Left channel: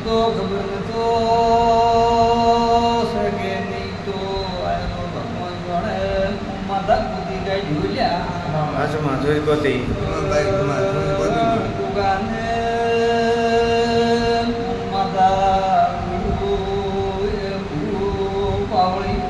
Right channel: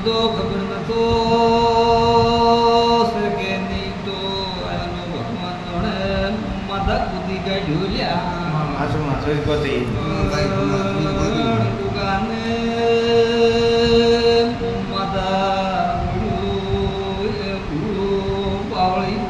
તો ખબર નતો સકે નહીં તો આયનો ભગવાન જોણે માથા કૂદી કાઢ્યું લ્યા હાસુમાં સુરપતિ ગાને માતા ઉડ્યું ઉડ્યું પાવળી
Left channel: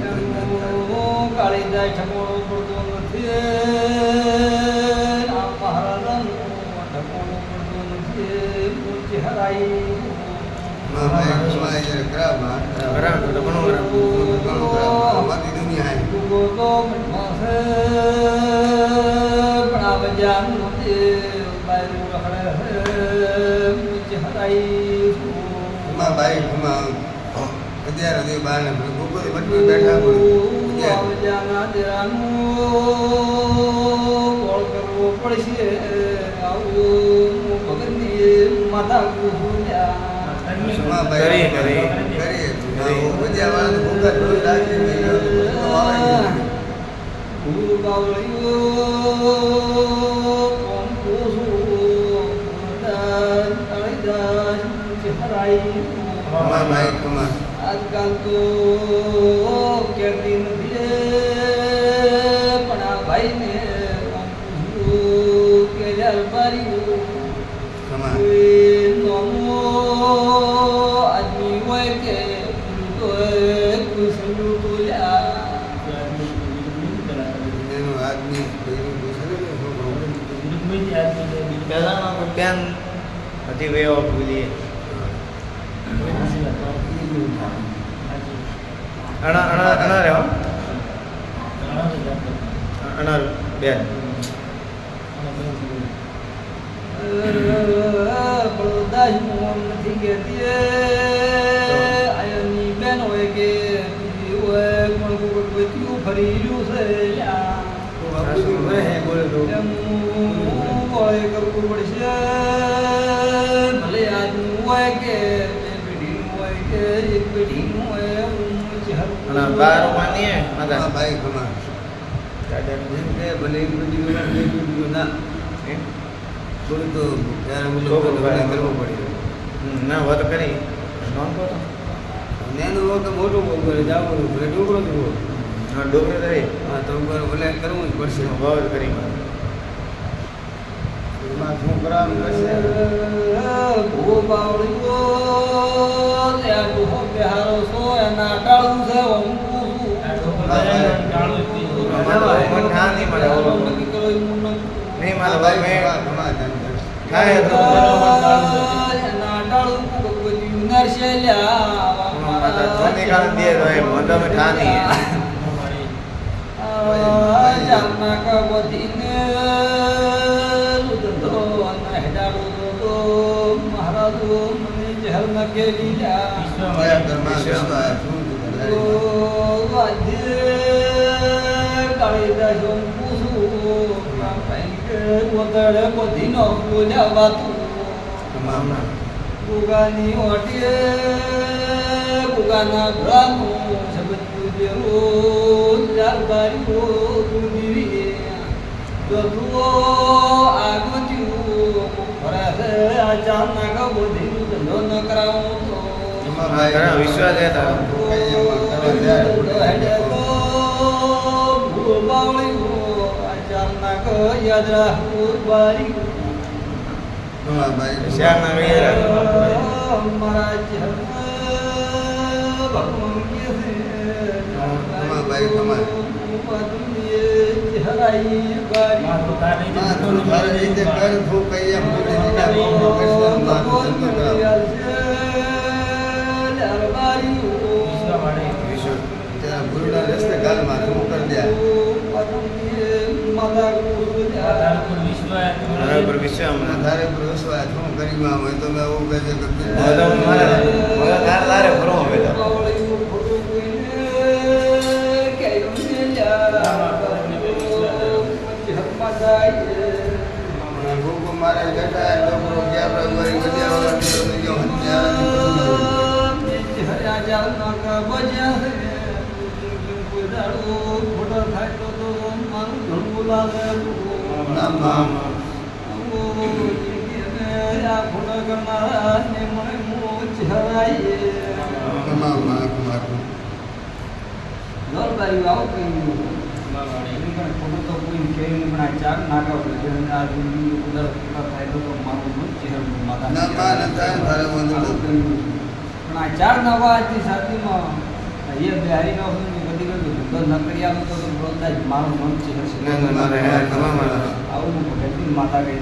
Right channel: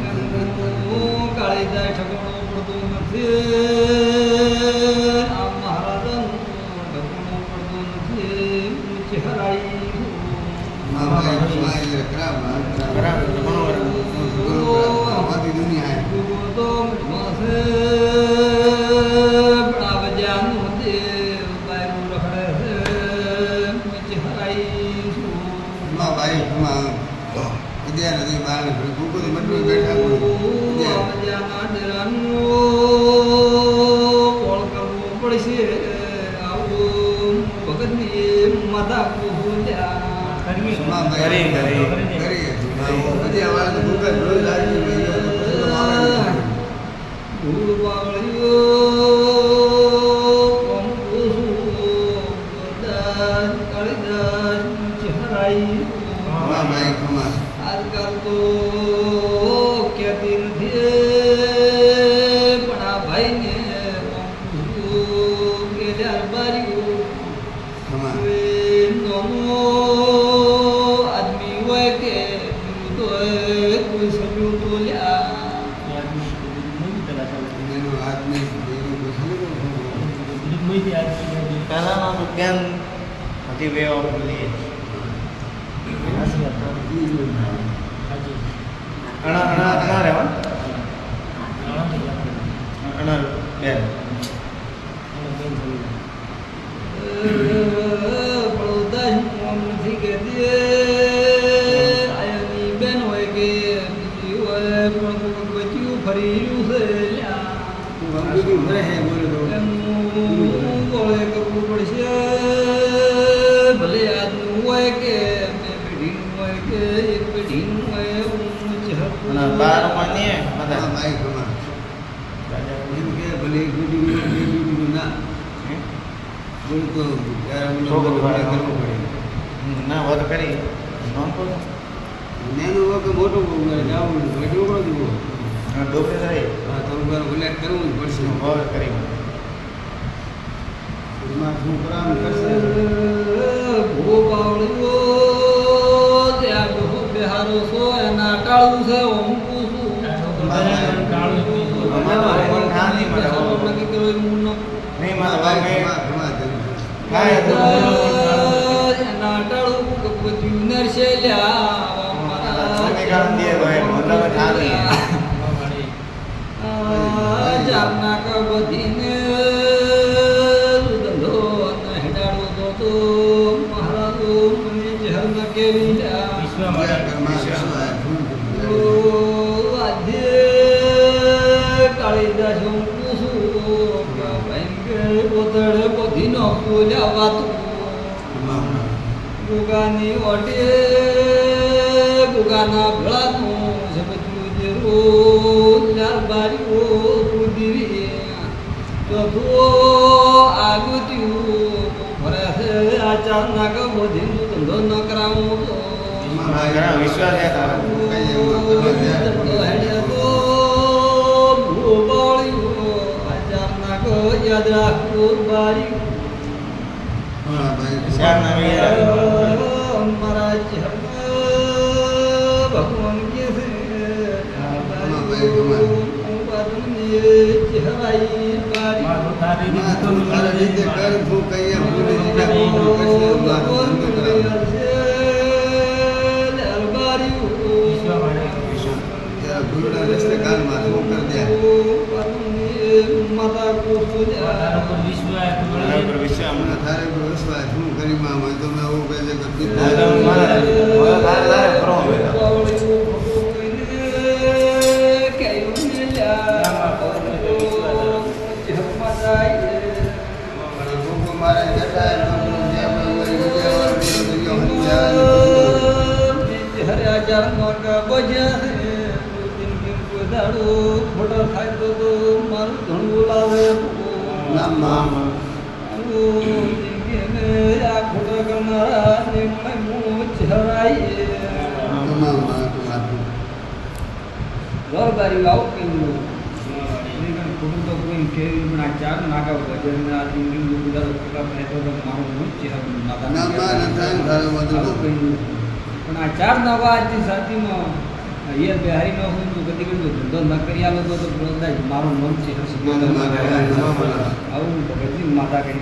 આ બજારના ડેરાનું કોળ કરવું પડશે આવું. ભગતની માતા પૂજ્યા કરી કરી ગુરુ બાવળીઓ હતી વે ઓફ પેલી અણા અણા અણા રહ્યો અણા બેન. પેઢીનું હોય કે એક પેઢીનું હોય ઊંચ હરકું અને બાર માનીએ માતા હમ, ના વાત કરી. નામ બોલો હા ડોકરો કરે બહુ કરી ભૂ બાવળીઓ ત્યાં ગુહ બિહારો છો એના ટાળું છે ઓમ પૂછું નક્કી કર્યો એમ ન નહીં મારા ભાઈ મેં ના એ તો એના ટાળું કોઈ ટ્યુનર છે સોની કામ દે તો એ ઠાની જારના કા બધીને કાળીદાસ હું પૂછું. ઓતળે બધી નો બોલ્યા વાતું ગુગાની ઓટે ગુગાના ભળાનું સબજ્યું જેરું લાલબારીઓ કુદીરી ચોથું આગુત્યું ભરાશે આચાર નાગ બોધીનું ધંધો ન કરાવું તો વિશ્વાસ છે તારો યાદ રાખવું બારી શ્યામ થોડા રસ્તે કાલ માથું ઉપર દે તારે વિશ્વાસ હું કરી માં હોય તો મેં હું બધા તે બધા દોરબારી આવું કઈ ખોટું તો કોઈ છે પણ આ ચાર નાકા જેને આ જિંદગી બધા ફાયદો તો મારું. કંઈ નહીં. પણ આ ચાર નવા આજની સાતીમાં અહીંયા બિહારી નો હું કદી કદી ધંધો ન કરી આલો તો મારું મન છે. આવું માતા કઈ